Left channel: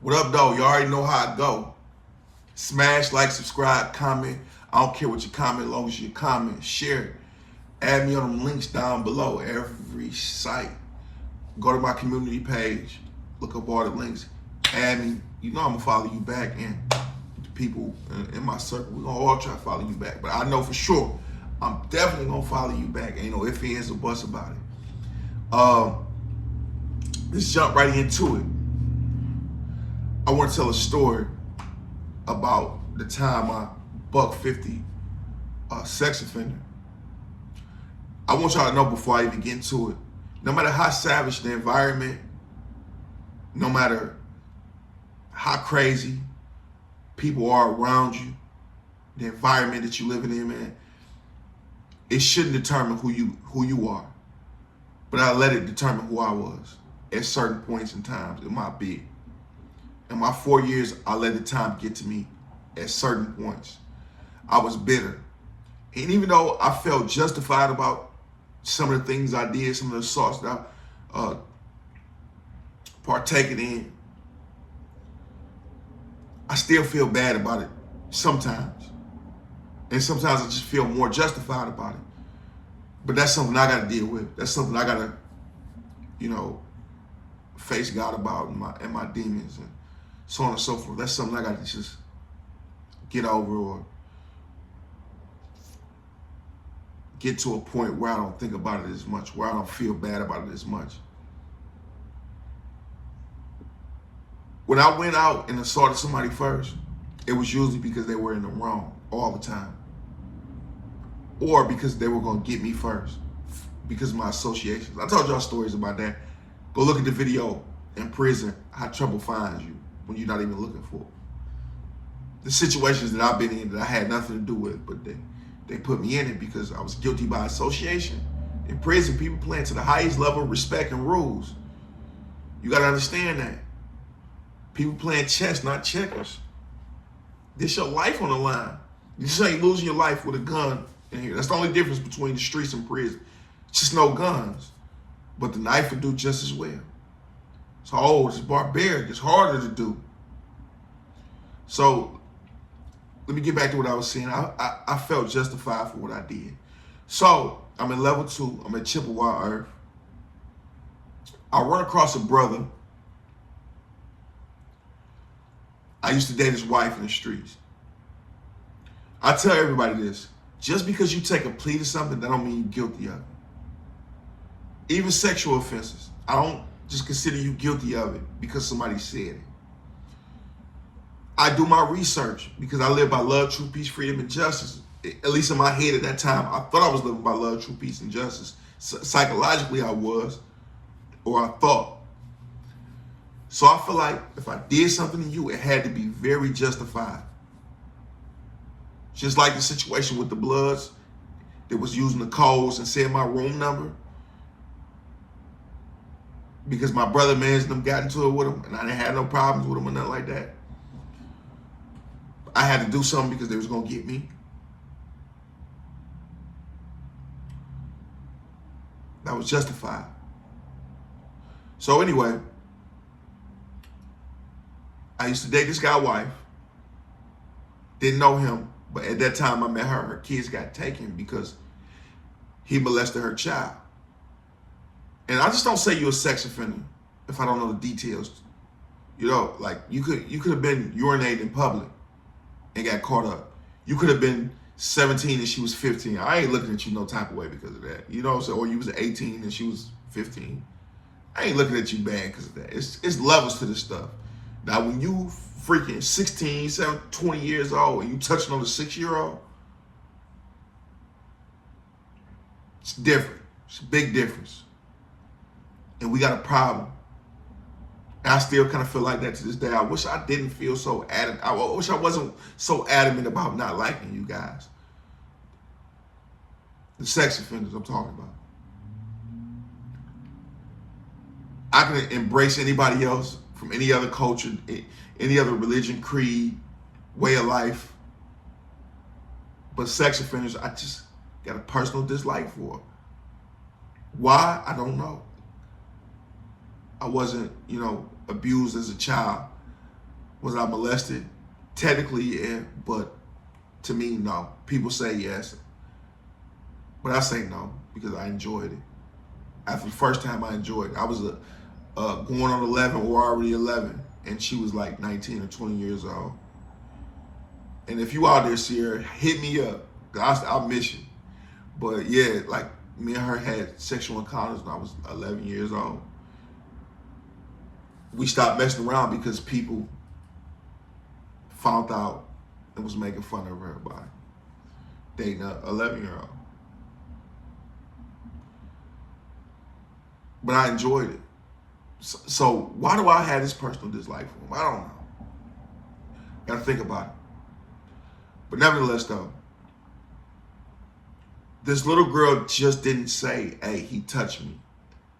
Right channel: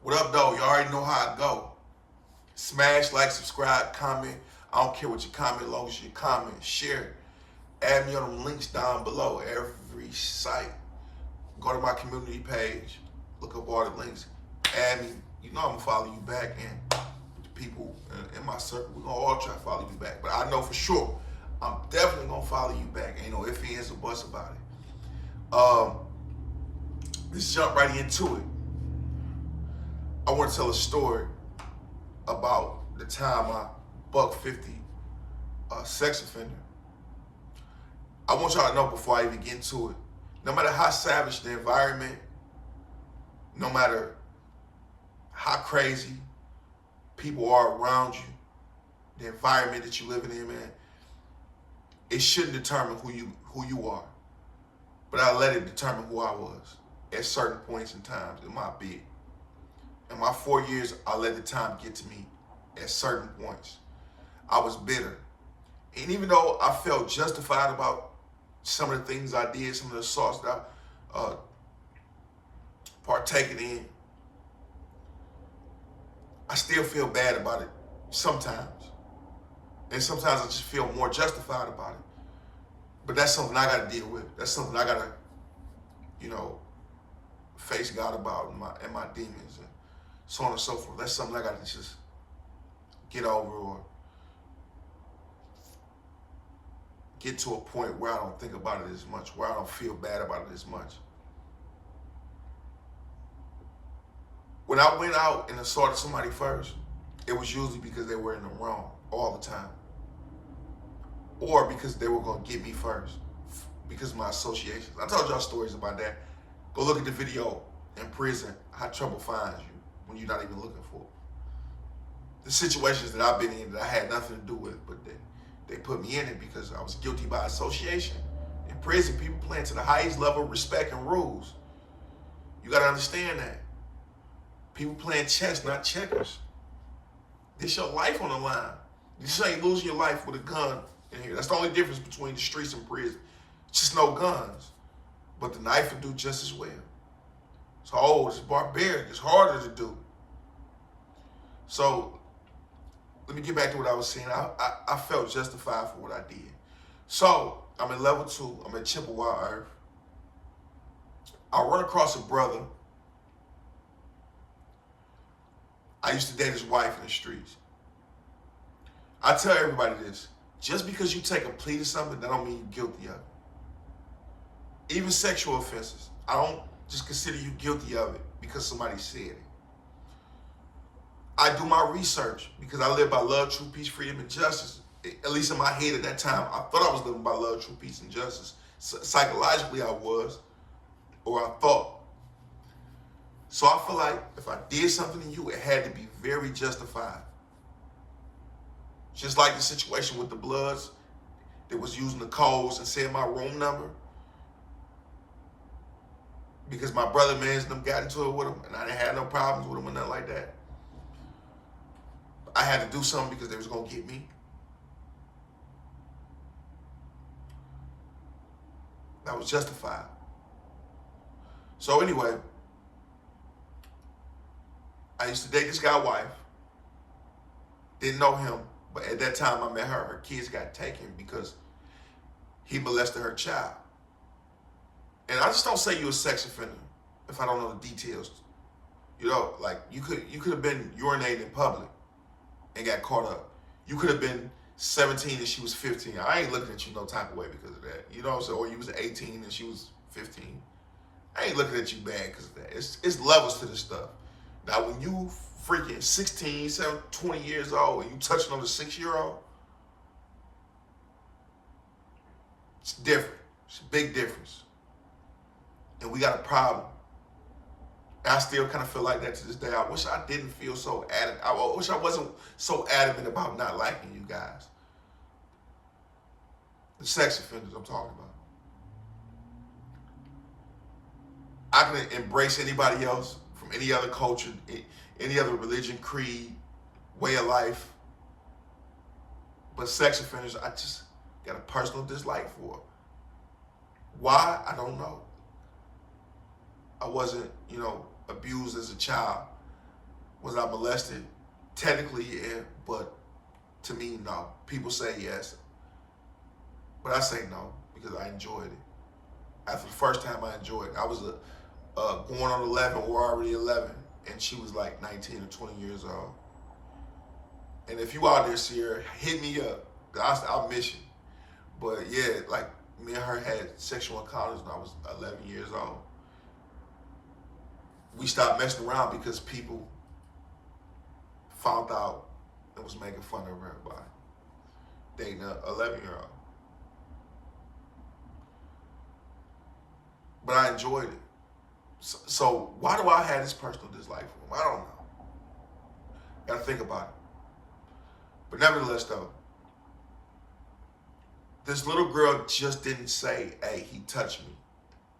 What up, though? You already know how I go. Smash, like, subscribe, comment. I don't care what you comment, as long as you comment, share it. Add me on them links down below every site. Go to my community page. Look up all the links. Add me. You know I'm gonna follow you back, and the people in my circle, we're gonna all try to follow you back. But I know for sure, I'm definitely gonna follow you back. Ain't no ifs, ands, or buts about it. Let's jump right into it. I want to tell a story about the time I buck 50 sex offender. I want y'all to know before I even get into it, no matter how savage the environment, no matter how crazy people are around you, the environment that you're living in, man, it shouldn't determine who you are. But I let it determine who I was at certain points in times in my bid. In my 4 years, I let the time get to me at certain points. I was bitter. And even though I felt justified about some of the things I did, some of the assaults that I partaken in, I still feel bad about it sometimes. And sometimes I just feel more justified about it. But that's something I got to deal with. That's something I got to, face God about and my demons and so on and so forth. That's something I got to just get over or get to a point where I don't think about it as much, where I don't feel bad about it as much. When I went out and assaulted somebody first, it was usually because they were in the wrong all the time. Or because they were going to get me first because of my associations. I told y'all stories about that. Go look at the video in prison, how trouble finds you when you're not even looking for it. The situations that I've been in that I had nothing to do with, but they put me in it because I was guilty by association. In prison, people playing to the highest level of respect and rules. You got to understand that. People playing chess, not checkers. This your life on the line. You just ain't losing your life with a gun in here. That's the only difference between the streets and prison. It's just no guns. But the knife will do just as well. It's old, it's barbaric, it's harder to do. So, let me get back to what I was saying. I felt justified for what I did. So, I'm in level 2, I'm at Chippewa Earth. I run across a brother. I used to date his wife in the streets. I tell everybody this, just because you take a plea to something, that don't mean you're guilty of it. Even sexual offenses, I don't just consider you guilty of it because somebody said it. I do my research because I live by love, truth, peace, freedom, and justice. At least in my head at that time, I thought I was living by love, truth, peace, and justice. Psychologically, I was, or I thought. So I feel like if I did something to you, it had to be very justified. Just like the situation with the Bloods that was using the codes and saying my room number. Because my brother mans them got into it with him and I didn't have no problems with him or nothing like that. I had to do something because they was going to get me. That was justified. So anyway, I used to date this guy's wife. Didn't know him, but at that time I met her. Her kids got taken because he molested her child. And I just don't say you're a sex offender if I don't know the details. Like you could have been urinating in public and got caught up. You could have been 17 and she was 15. I ain't looking at you no type of way because of that. You know what I'm saying? Or you was 18 and she was 15. I ain't looking at you bad because of that. It's levels to this stuff. Now, when you freaking 16, 17, 20 years old and you touching on a 6-year-old, it's different. It's a big difference. And we got a problem. And I still kind of feel like that to this day. I wish I didn't feel so adamant. I wish I wasn't so adamant about not liking you guys. The sex offenders I'm talking about. I can embrace anybody else from any other culture, any other religion, creed, way of life. But sex offenders, I just got a personal dislike for. Why? I don't know. I wasn't, abused as a child. Was I molested? Technically, yeah, but to me, no. People say yes, but I say no because I enjoyed it. After the first time, I enjoyed it. I was going on 11 or already 11, and she was like 19 or 20 years old. And if you out there, Sierra, hit me up. I'll miss you. But yeah, like me and her had sexual encounters when I was 11 years old. We stopped messing around because people found out and was making fun of her by dating an 11-year-old. But I enjoyed it. So why do I have this personal dislike for him? I don't know. Gotta think about it. But nevertheless, though, this little girl just didn't say, hey, he touched me.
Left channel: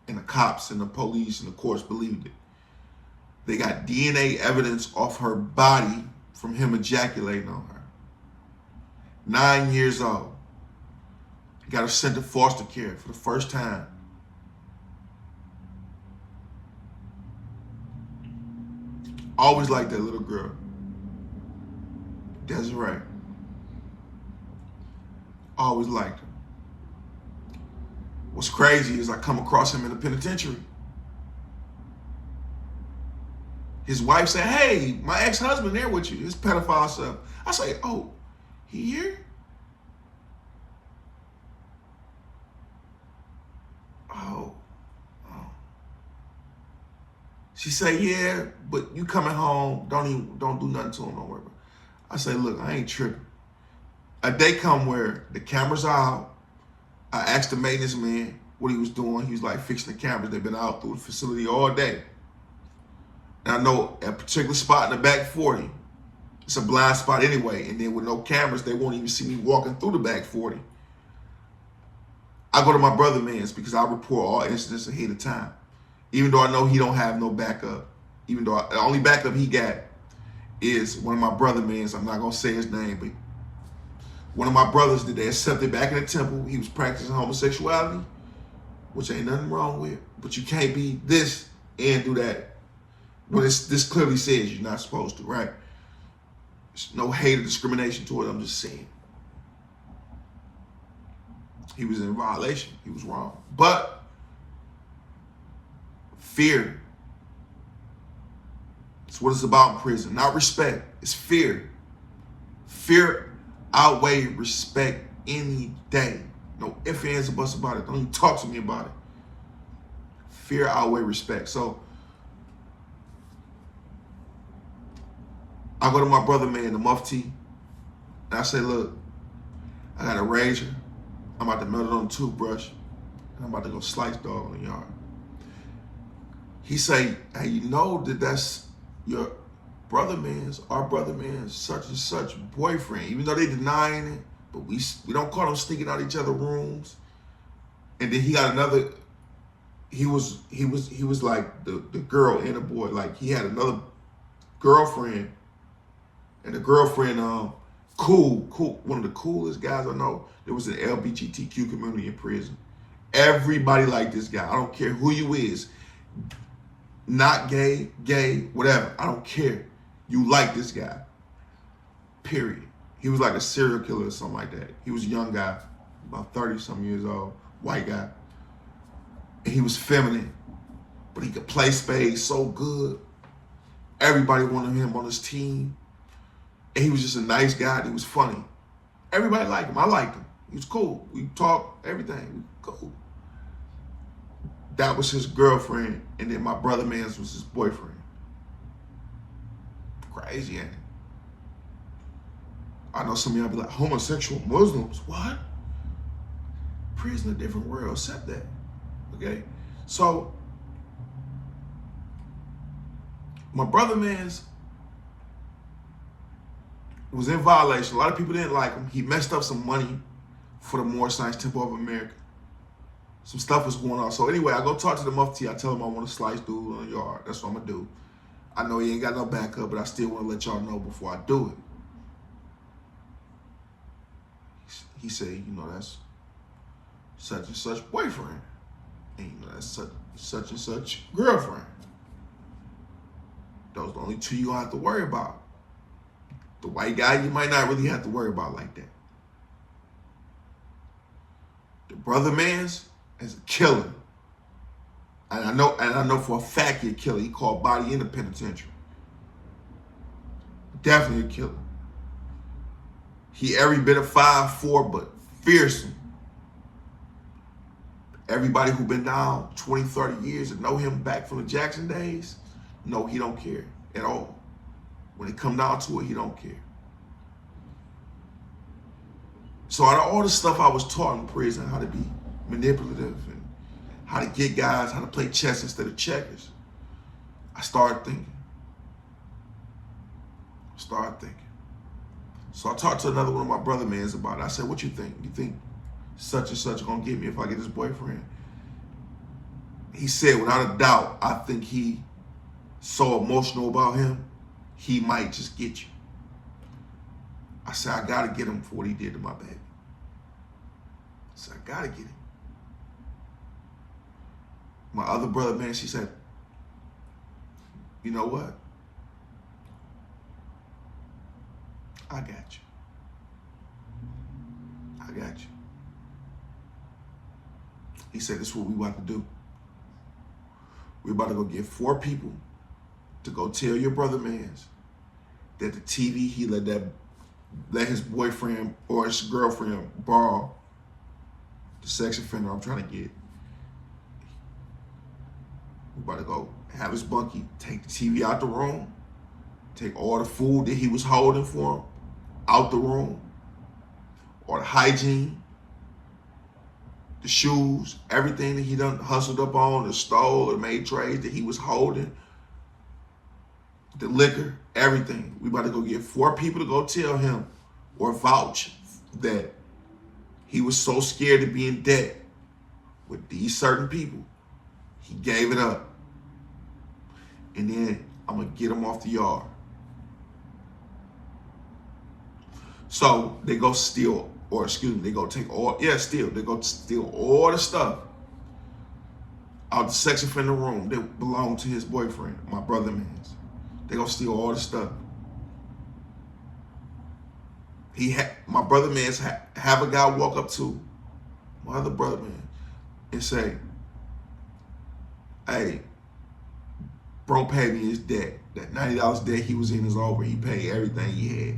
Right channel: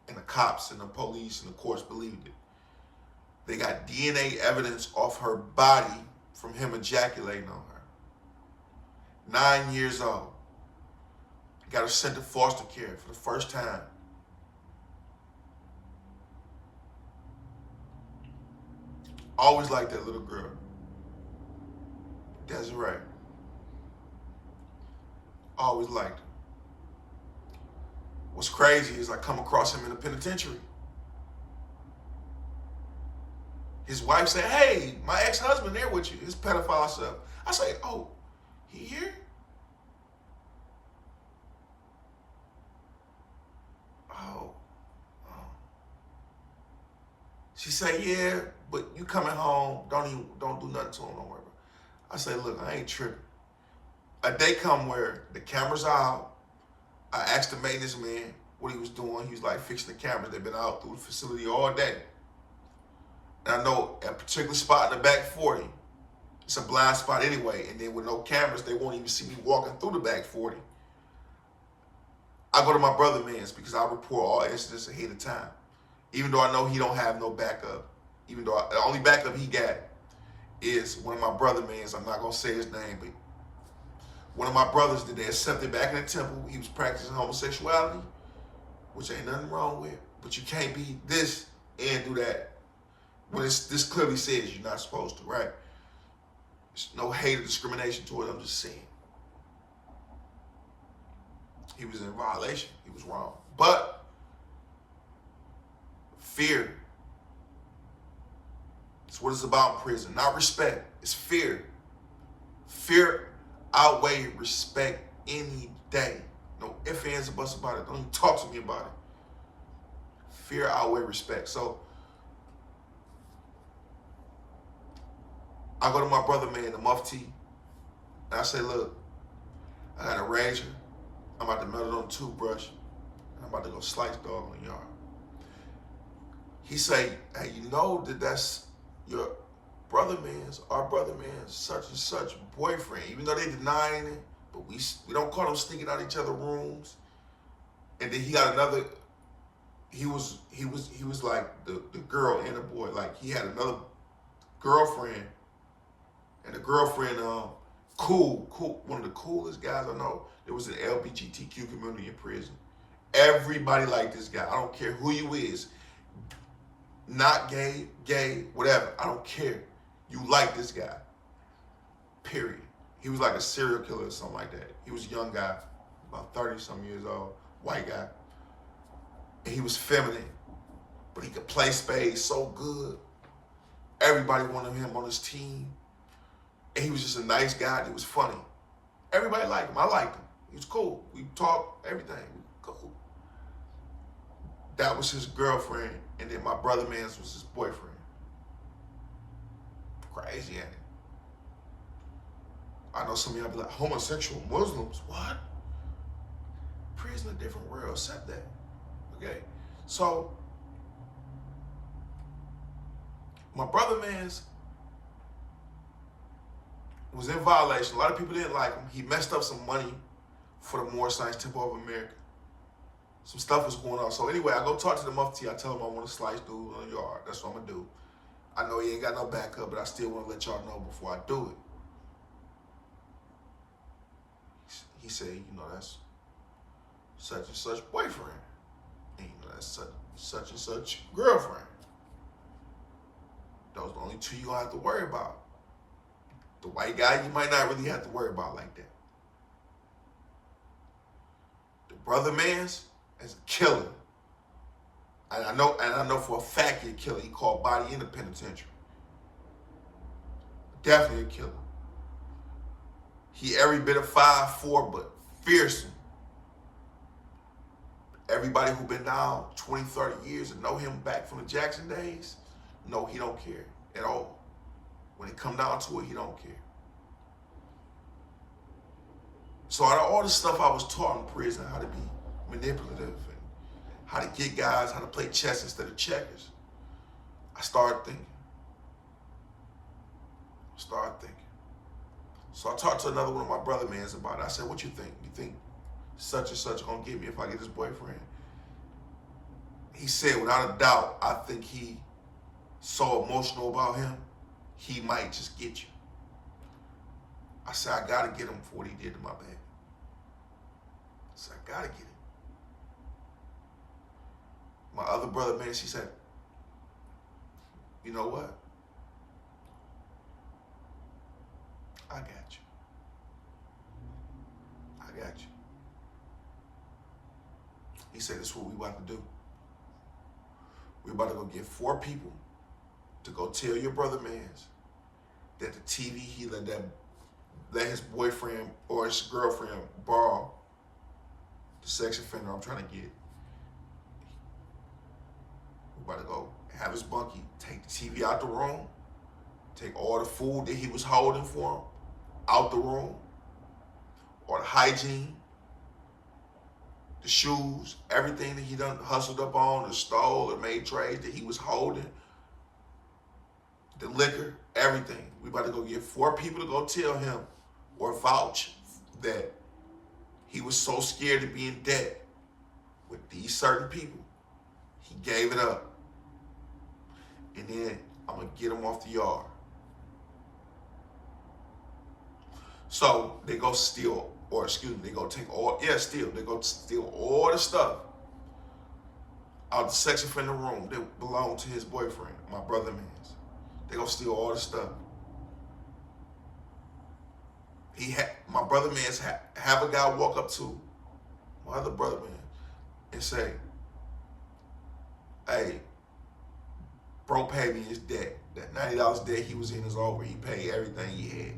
And the cops and the police and the courts believed it. They got DNA evidence off her body from him ejaculating on her. 9 years old. Got her sent to foster care for the first time. Always liked that little girl. Desiree. Always liked her. What's crazy is I come across him in the penitentiary. His wife said, hey, my ex-husband there with you, his pedophile stuff. I say, oh, he here? Oh. She said, yeah, but you coming home, don't do nothing to him, don't worry about it. I say, look, I ain't tripping. A day come where the cameras are out. I asked the maintenance man what he was doing. He was like fixing the cameras. They've been out through the facility all day. And I know a particular spot in the back 40. It's a blind spot anyway. And then with no cameras, they won't even see me walking through the back 40. I go to my brother man's because I report all incidents ahead of time. Even though I know he don't have no backup. Even though the only backup he got is one of my brother man's. I'm not going to say his name, but one of my brothers that they accepted back in the temple. He was practicing homosexuality, which ain't nothing wrong with. But you can't be this and do that. When this clearly says you're not supposed to, right? There's no hate or discrimination toward it. I'm just saying. He was in violation. He was wrong. But fear. It's what it's about in prison. Not respect. It's fear. Fear outweighs respect any day. No ifs, ands, or buts about it. Don't even talk to me about it. Fear outweighs respect. So I go to my brother man, the Mufti, and I say, look, I got a razor. I'm about to melt it on a toothbrush, and I'm about to go slice dog in the yard. He say, hey, you know that that's your brother man's, our brother man's such and such boyfriend, even though they denying it, but we don't call them sneaking out each other rooms. And then he got another, he was like the girl and the boy, like he had another girlfriend, and the girlfriend, cool, one of the coolest guys I know. There was an LGBTQ community in prison. Everybody liked this guy. I don't care who you is. Not gay, whatever. I don't care. You like this guy. Period. He was like a serial killer or something like that. He was a young guy, about 30-something years old, white guy. And he was feminine, but he could play spades so good. Everybody wanted him on his team. And he was just a nice guy. He was funny. Everybody liked him. I liked him. He was cool. We talked, everything. We cool. That was his girlfriend, and then my brother man's was his boyfriend. Crazy, ain't it? I know some of y'all be like, homosexual Muslims, what? Prison, a different world, accept that, okay? So, my brother man's was in violation. A lot of people didn't like him. He messed up some money for the Moorish Science Temple of America. Some stuff was going on. So anyway, I go talk to the Mufti. I tell him I want to slice dude on the yard. That's what I'm going to do. I know he ain't got no backup, but I still want to let y'all know before I do it. He said, you know, that's such and such boyfriend. And you know, that's such and such girlfriend. Those are the only two you don't have to worry about. The white guy, you might not really have to worry about like that. The brother man's is a killer. And I know for a fact he's a killer. He called body in the penitentiary. Definitely a killer. He every bit of 5'4", but fearsome. Everybody who been down 20, 30 years and know him back from the Jackson days, no, he don't care at all. When it come down to it, he don't care. So out of all the stuff I was taught in prison, how to be manipulative and how to get guys, how to play chess instead of checkers, I started thinking. So I talked to another one of my brother mans about it. I said, what you think? You think such and such gonna get me if I get this boyfriend? He said, without a doubt, I think he so emotional about him, he might just get you. I said, I gotta get him for what he did to my baby. I said, I gotta get him. My other brother, man, she said, you know what? I got you. I got you. He said, this is what we about to do. We're about to go get 4 people to go tell your brother mans that the TV he let his boyfriend or his girlfriend borrow, the sex offender I'm trying to get. We're about to go have his bunkie take the TV out the room, take all the food that he was holding for him out the room, or the hygiene, the shoes, everything that he done hustled up on or stole or made trades that he was holding, the liquor, everything. We about to go get 4 people to go tell him or vouch that he was so scared to be in debt with these certain people, he gave it up. And then I'm gonna get him off the yard. So they go steal, or excuse me, they go take all, they go steal all the stuff out the sex offender room that belonged to his boyfriend, my brother man's. They gonna steal all the stuff. My brother man's have a guy walk up to my other brother man and say, hey, bro paid me his debt. That $90 debt he was in is over. He paid everything he had.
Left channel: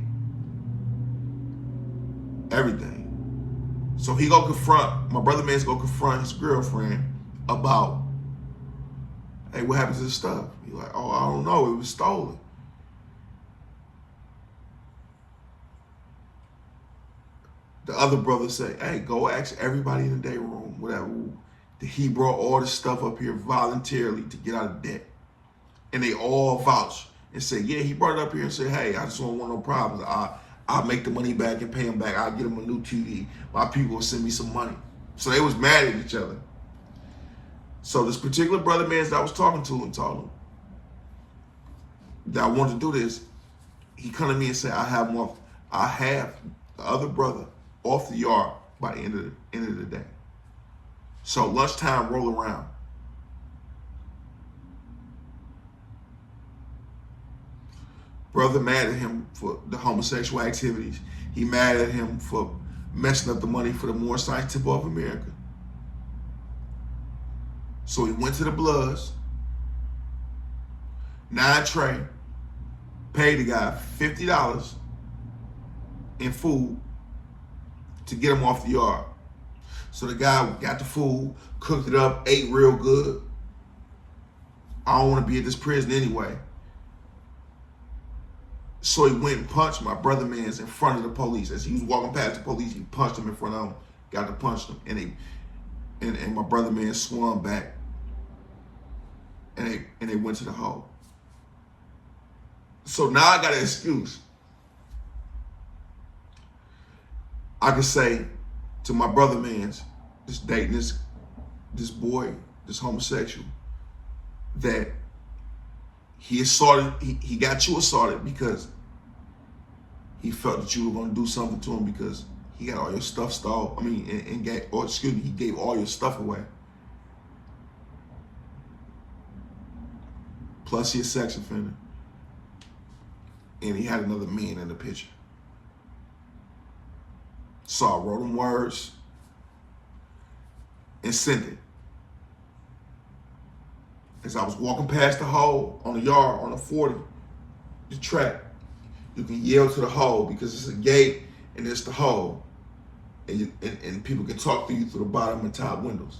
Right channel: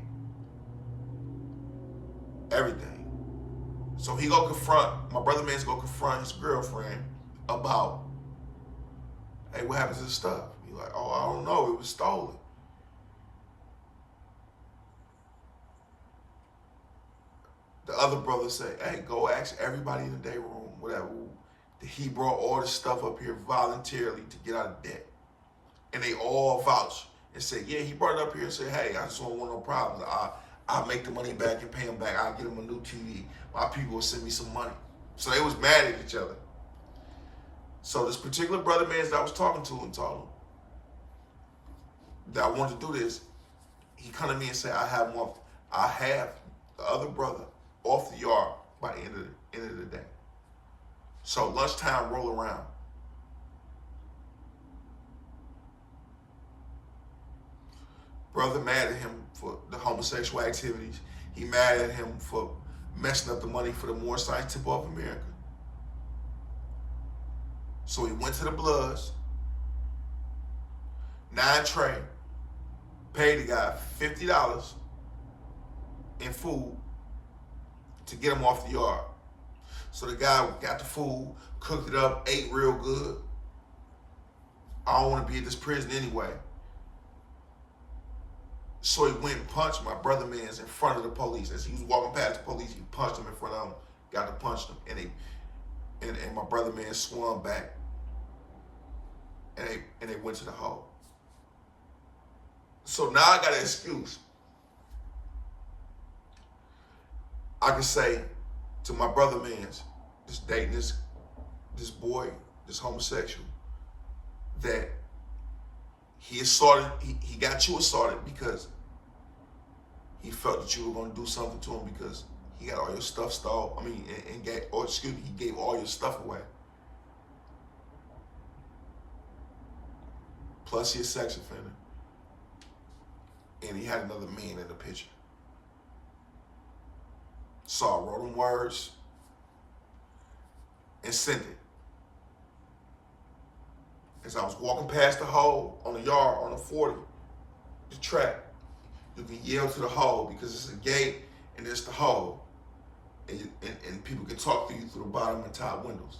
Everything. So he go confront, my brother man's go confront his girlfriend about, hey, what happened to the stuff? He's like, oh, I don't know, it was stolen. The other brother say, hey, go ask everybody in the day room, whatever, that he brought all this stuff up here voluntarily to get out of debt. And they all vouch and say, yeah, he brought it up here and said, hey, I just don't want no problems. I'll make the money back and pay him back. I'll get him a new TV. My people will send me some money. So they was mad at each other. So this particular brother man that I was talking to and told him that I wanted to do this, he come to me and said, I have the other brother off the yard by the end of the day. So lunchtime roll around. Brother mad at him for the homosexual activities. He mad at him for messing up the money for the More Science Temple of America. So he went to the Bloods, 9 tray, paid the guy $50 in food to get him off the yard. So the guy got the food, cooked it up, ate real good. I don't want to be at this prison anyway. So he went and punched my brother man's in front of the police. As he was walking past the police, he punched him in front of him, got to punch him, and my brother man swung back, and they went to the hole. So now I got an excuse. I could say to my brother man's, this dating this boy, this homosexual, that he got you assaulted because he felt that you were going to do something to him because he got all your stuff stole. I mean, he gave all your stuff away. Plus, he's a sex offender. and he had another man in the picture. So I wrote them words and sent it. As I was walking past the hole on the yard, on the 40, the track, you can yell to the hole because it's a gate and it's the hole. And people can talk to you through the bottom and top windows.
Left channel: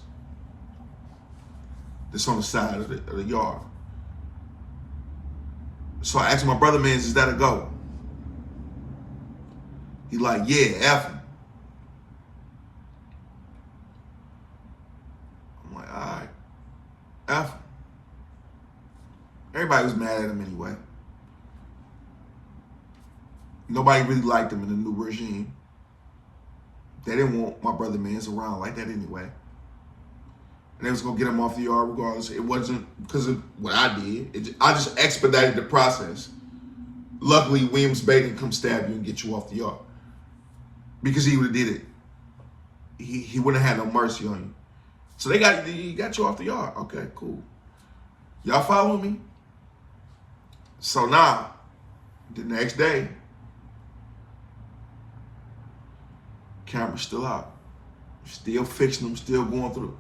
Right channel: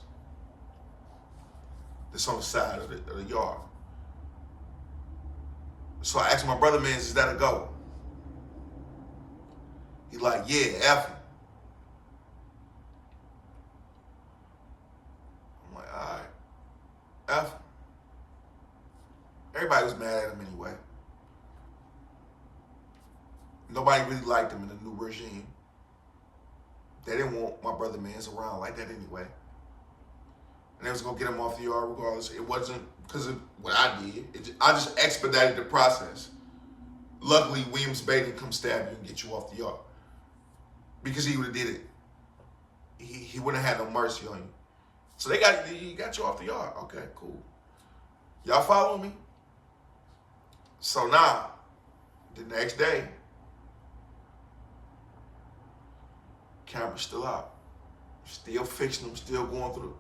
That's on the side of the yard. So I asked my brother, man, is that a go? He like, yeah, F him. I'm like, all right, F him. Everybody was mad at him anyway. Nobody really liked him in the new regime. They didn't want my brother mans around like that anyway. And they was gonna get him off the yard regardless. It wasn't because of what I did. I just expedited the process. Luckily, Williams Bay didn't come stab you and get you off the yard. Because he would have did it. He wouldn't have had no mercy on you. So he got you off the yard. Okay, cool. Y'all following me? So now, the next day, camera's still out. Still fixing them, still going through.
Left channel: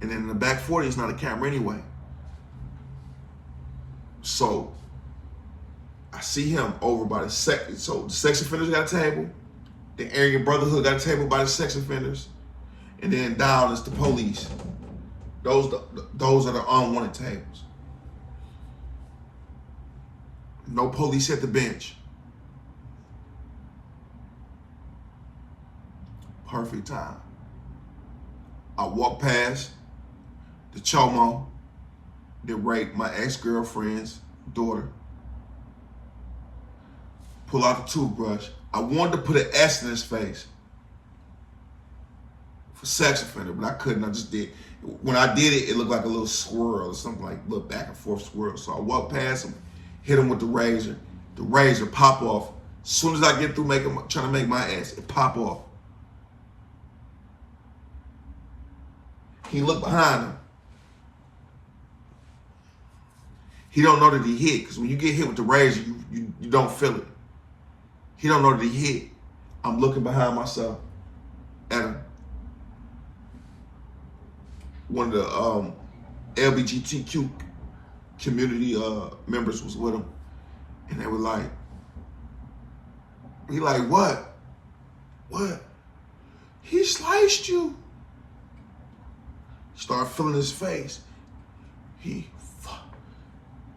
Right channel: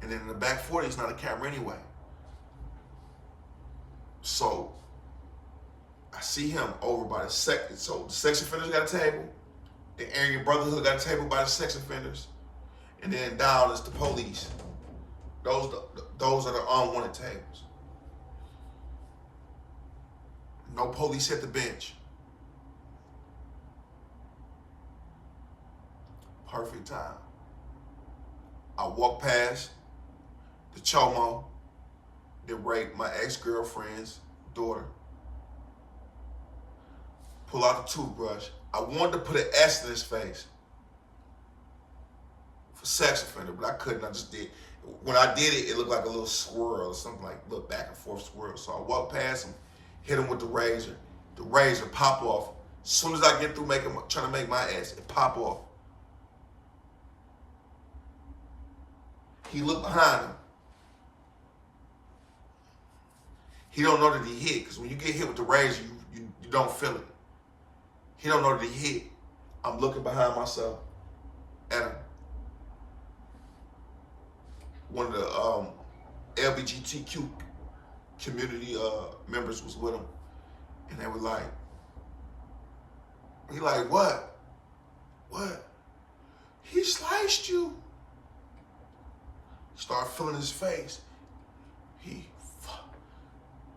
And then in the back 40, it's not a camera anyway. So I see him over by the so the sex offenders got a table. The Aryan Brotherhood got a table by the sex offenders. And then down is the police. Those are the unwanted tables. No police at the bench. Perfect time. I walk past the chomo that raped my ex-girlfriend's daughter. Pull out the toothbrush. I wanted to put an S in his face for sex offender, but I couldn't. I just did. When I did it, it looked like a little swirl or something, like a little back and forth swirl. So I walked past him, hit him with the razor. The razor pop off. As soon as I get through trying to make my ass, it pop off. He looked behind him. He don't know that he hit, because when you get hit with the razor, you don't feel it. He don't know that he hit. I'm looking behind myself at him. One of the LGBTQ community members was with him. And they were like, what? What? He sliced you. Start feeling his face.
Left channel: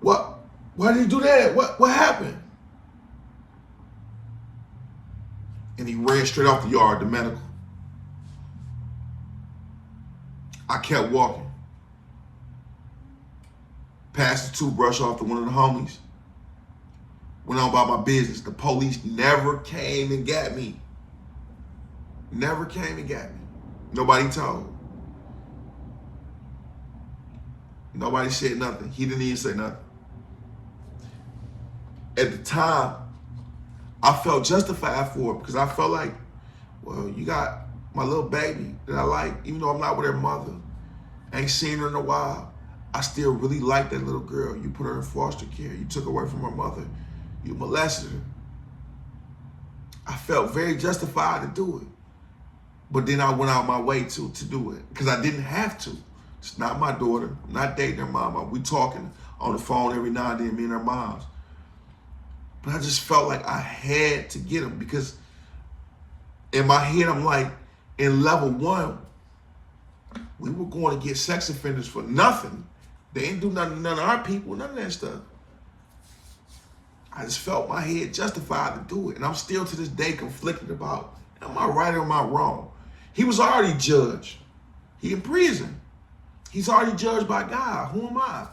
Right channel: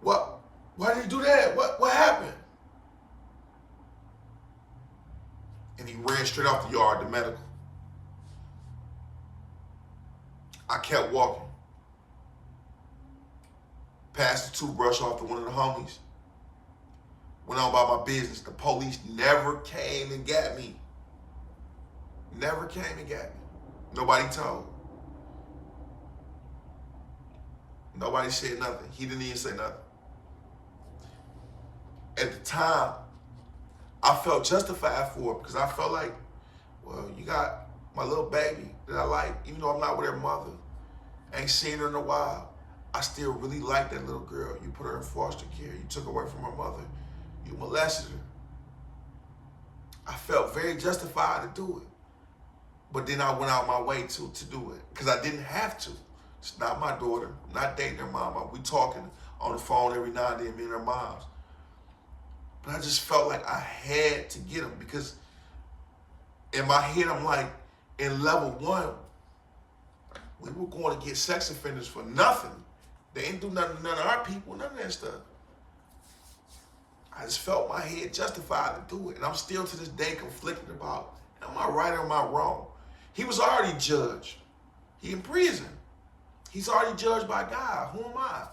What? Why did he do that? What happened? And he ran straight off the yard to medical. I kept walking. Passed the toothbrush off to one of the homies. Went on about my business. The police never came and got me. Never came and got me. Nobody told. Nobody said nothing. He didn't even say nothing. At the time, I felt justified for it because I felt like, well, you got my little baby that I like, even though I'm not with her mother. I ain't seen her in a while. I still really like that little girl. You put her in foster care. You took her away from her mother. You molested her. I felt very justified to do it. But then I went out my way to do it because I didn't have to. It's not my daughter. I'm not dating her mama. We talking on the phone every now and then, me and her moms. But I just felt like I had to get him because in my head, I'm like, in level 1, we were going to get sex offenders for nothing. They ain't do nothing to none of our people, none of that stuff. I just felt my head justified to do it. And I'm still to this day conflicted about, am I right or am I wrong? He was already judged. He in prison. He's already judged by God. Who am I?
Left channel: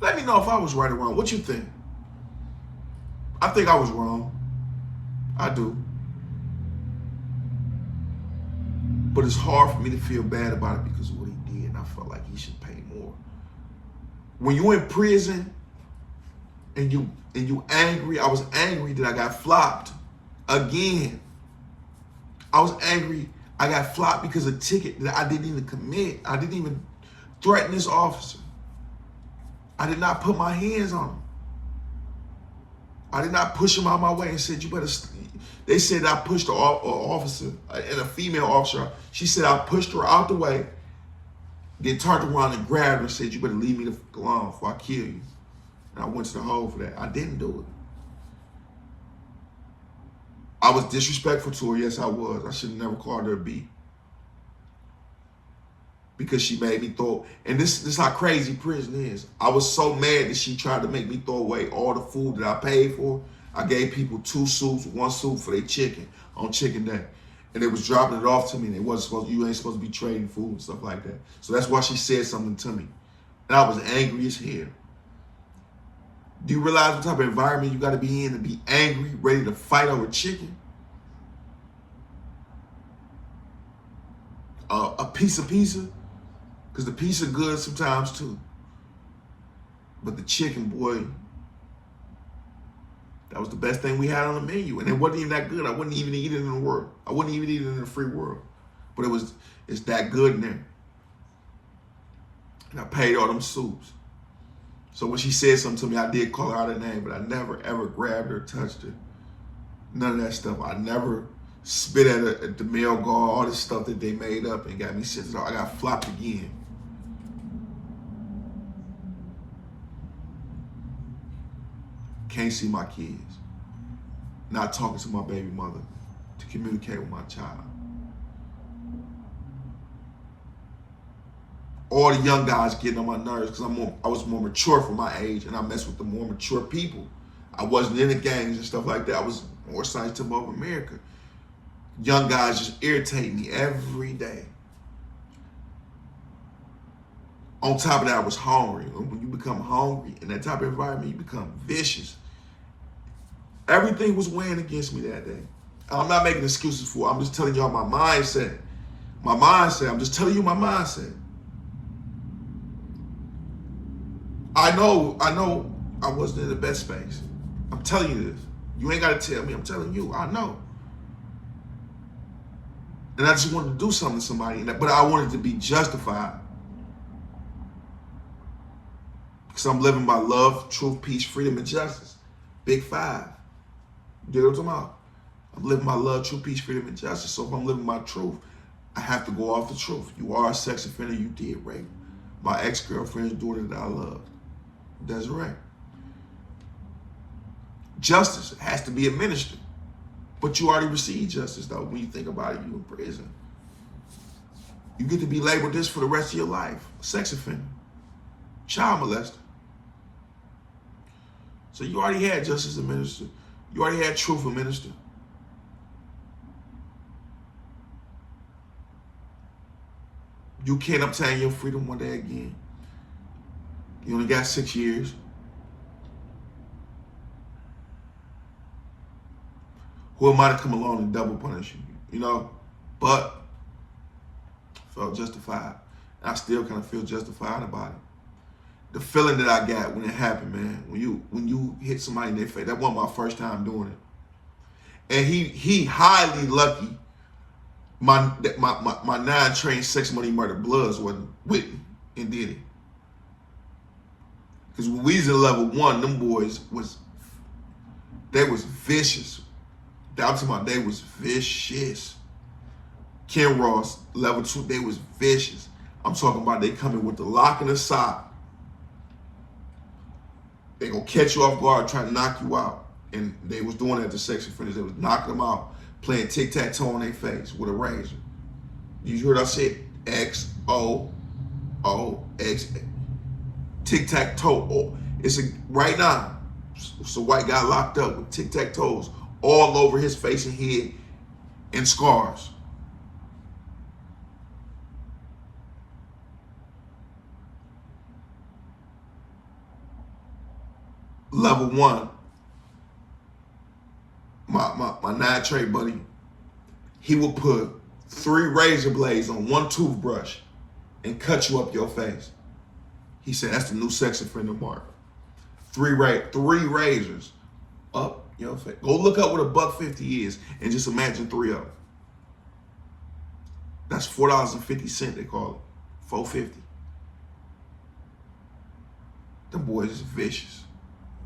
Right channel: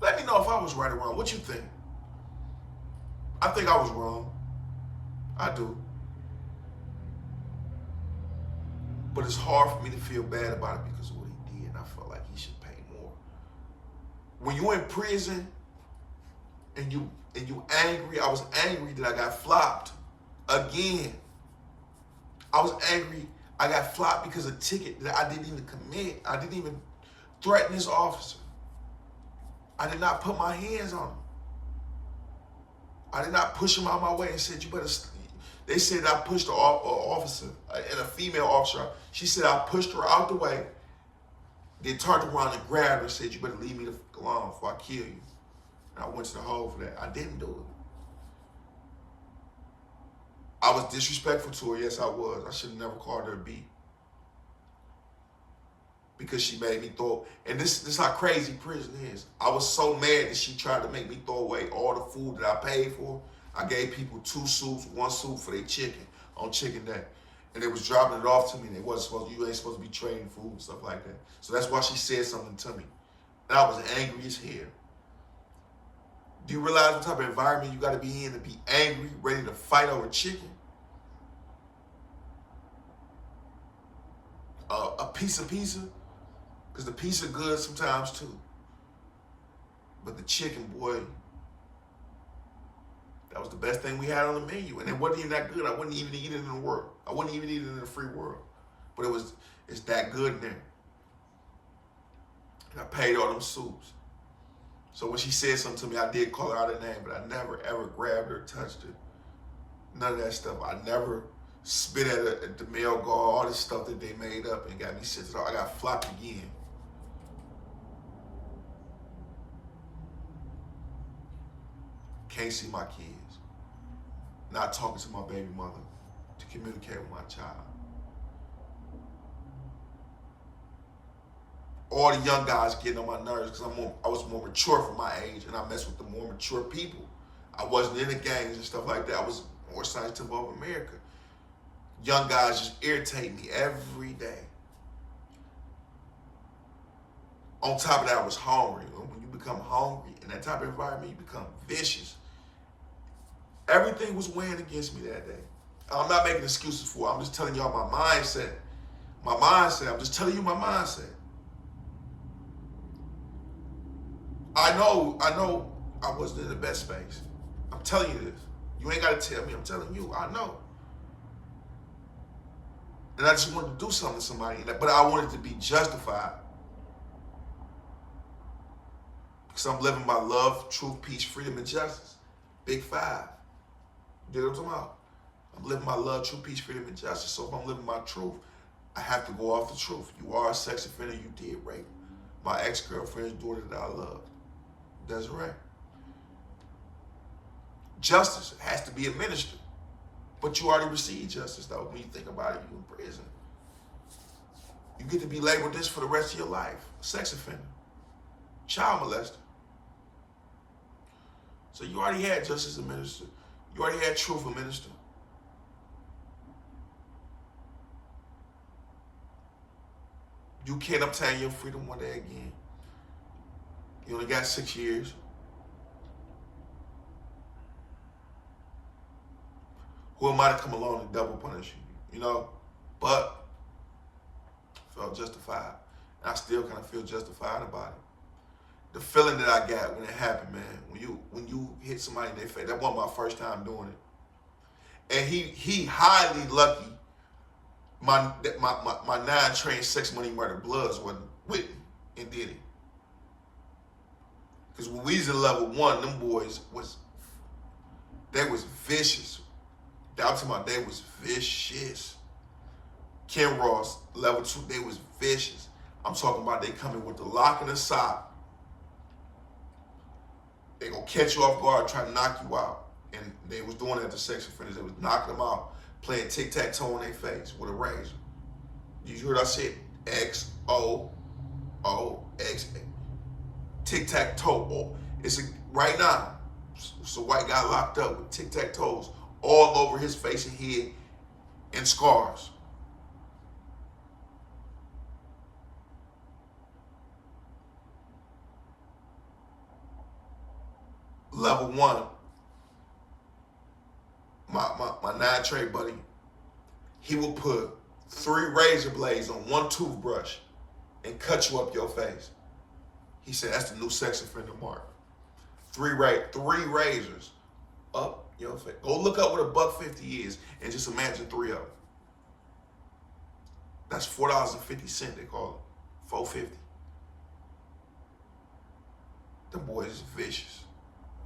Let me know if I was right or wrong. What you think? I think I was wrong. I do. But it's hard for me to feel bad about it because of what he did. And I felt like he should pay more. When you're in prison and you angry, I was angry that I got flopped again. I was angry I got flopped because of a ticket that I didn't even commit. I didn't even threaten this officer. I did not put my hands on him. I did not push him out my way and said, you better. They said I pushed an officer and a female officer. She said I pushed her out the way, then turned around and grabbed her and said, you better leave me alone before I kill you. And I went to the hole for that. I didn't do it. I was disrespectful to her. Yes, I was. I should have never called her a B. Because she made me throw, and this is how crazy prison is. I was so mad that she tried to make me throw away all the food that I paid for. I gave people 2 soups, 1 soup for their chicken on chicken day. And they was dropping it off to me. And you ain't supposed to be trading food and stuff like that. So that's why she said something to me. And I was angry as hell. Do you realize what type of environment you got to be in to be angry, ready to fight over chicken? A piece of pizza? Because the pizza good sometimes too. But the chicken, boy, that was the best thing we had on the menu. And it wasn't even that good. I wouldn't even eat it in the world. I wouldn't even eat it in the free world. But it's that good in there. And I paid all them soups. So when she said something to me, I did call her out her name, but I never ever grabbed her, touched her. None of that stuff. I never spit at her at the male guard, all this stuff that they made up and got me sent off. I got flopped again. Can't see my kids. Not talking to my baby mother to communicate with my child. All the young guys getting on my nerves because I was more mature for my age and I messed with the more mature people. I wasn't in the gangs and stuff like that. I was more sensitive over America. Young guys just irritate me every day. On top of that, I was hungry. When you become hungry in that type of environment, you become vicious. Everything was weighing against me that day. I'm not making excuses for it. I'm just telling y'all my mindset. My mindset. I'm just telling you my mindset. I know I wasn't in the best space. I'm telling you this. You ain't got to tell me. I'm telling you. I know. And I just wanted to do something to somebody, but I wanted to be justified. Because I'm living by love, truth, peace, freedom, and justice. Big 5. You know what I'm talking about? I'm living my love, truth, peace, freedom, and justice. So if I'm living my truth, I have to go off the truth. You are a sex offender. You did rape my ex-girlfriend's daughter that I loved. Desiree. Justice has to be administered. But you already received justice, though. When you think about it, you in prison. You get to be labeled this for the rest of your life. Sex offender. Child molester. So you already had justice administered. You already had truth administered. You can't obtain your freedom one day again. You only got 6 years. Who am I to come along and double punish you? You know? But I felt justified. And I still kind of feel justified about it. The feeling that I got when it happened, man, when you hit somebody in their face, that wasn't my first time doing it. And he highly lucky my 9 trained sex money murder bloods wasn't with me and did it. Because when we was in level 1, them boys was vicious. I'm talking about they was vicious. Ken Ross, level 2, they was vicious. I'm talking about they coming with the lock and the sock. They gonna catch you off guard, try to knock you out. And they was doing that to sex offenders. They was knocking them out, playing tic-tac-toe on their face with a razor. You heard I said X-O-O-X. Tic-tac-toe. Right now, it's a white guy locked up with tic-tac-toes all over his face and head and scars. Level 1, my 9 trade buddy, he will put 3 razor blades on 1 toothbrush and cut you up your face. He said that's the new sex offender mark. 3 razors up your face. Go look up what $1.50 is and just imagine 3 of them. That's $4.50 they call it. $4.50. boys is vicious.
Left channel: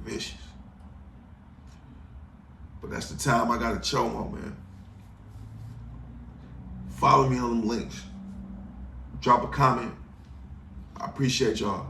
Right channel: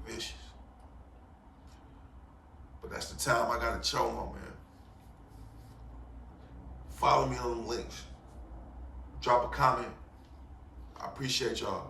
Vicious. But that's the time I got a chomo, man. Follow me on them links. Drop a comment. I appreciate y'all.